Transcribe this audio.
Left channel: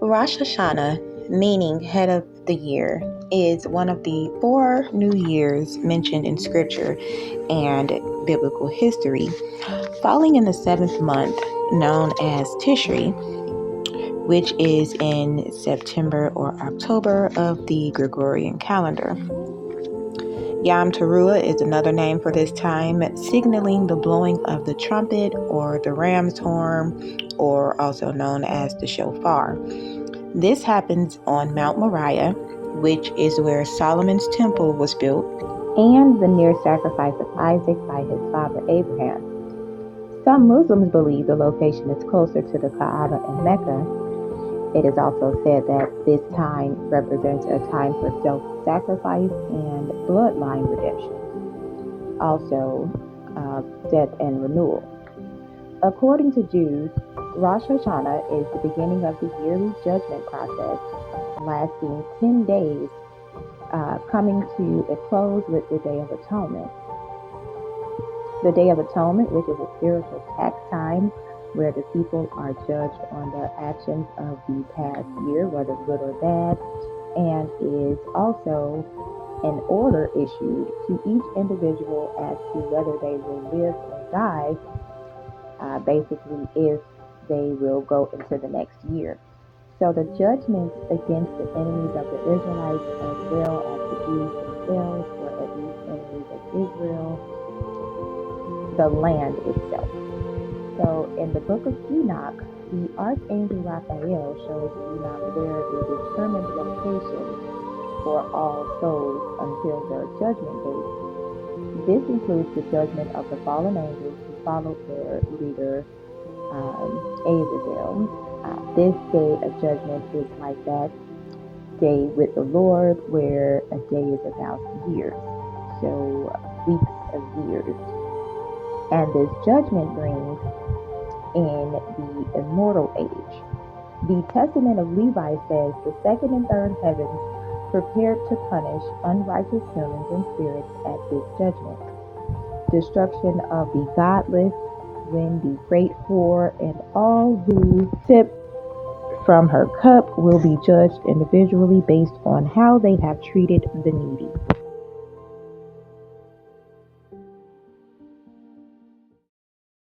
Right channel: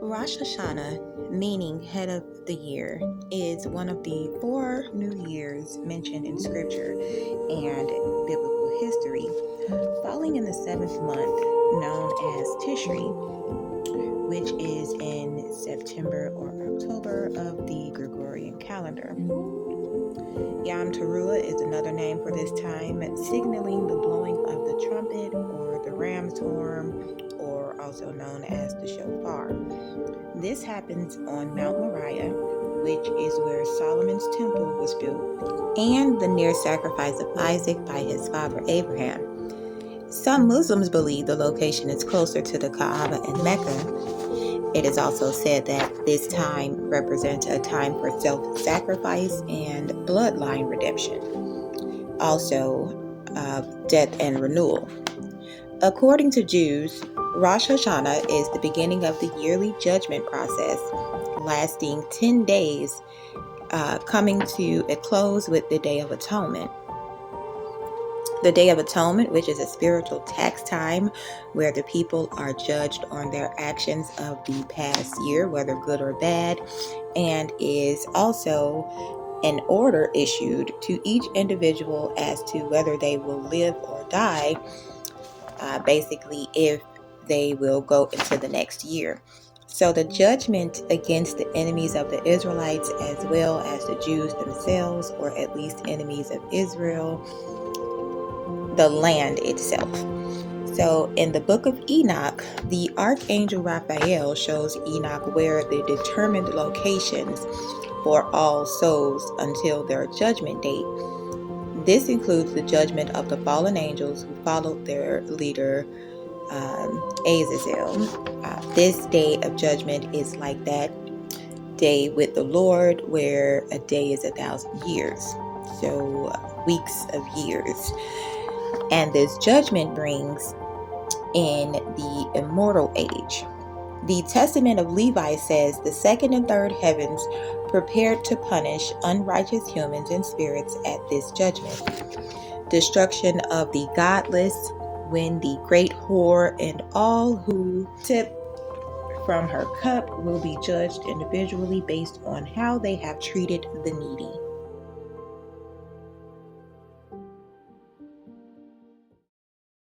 Rosh Hashanah, meaning head of the year, is one of the 4 new years mentioned in scripture and biblical history, falling in the 7th month known as Tishri, which is in September or October of the Gregorian calendar. Yom Teruah is another name for this time, signaling the blowing of the trumpet or the ram's horn, or also known as the shofar. This happens on Mount Moriah, which is where Solomon's temple was built, and the near sacrifice of Isaac by his father Abraham. Some Muslims believe the location is closer to the Kaaba in Mecca. It is also said that this time represents a time for self-sacrifice and bloodline redemption, also death and renewal. According to Jews, Rosh Hashanah is the beginning of the yearly judgment process, lasting 10 days, coming to a close with the Day of Atonement. The Day of Atonement, which is a spiritual tax time where the people are judged on their actions of the past year, whether good or bad, and is also an order issued to each individual as to whether they will live or die, basically if they will go into the next year. So the judgment against the enemies of the Israelites as well as the Jews themselves, or at least enemies of Israel, the land itself. So in the book of Enoch, the archangel Raphael shows Enoch where the determined locations for all souls until their judgment date. This includes the judgment of the fallen angels who followed their leader Azazel. This day of judgment is like that day with the Lord, where a day is 1,000 years. So weeks of years. And this judgment brings in the immortal age. The Testament of Levi says the second and third heavens prepared to punish unrighteous humans and spirits at this judgment. Destruction of the godless, when the great whore and all who sip from her cup will be judged individually based on how they have treated the needy.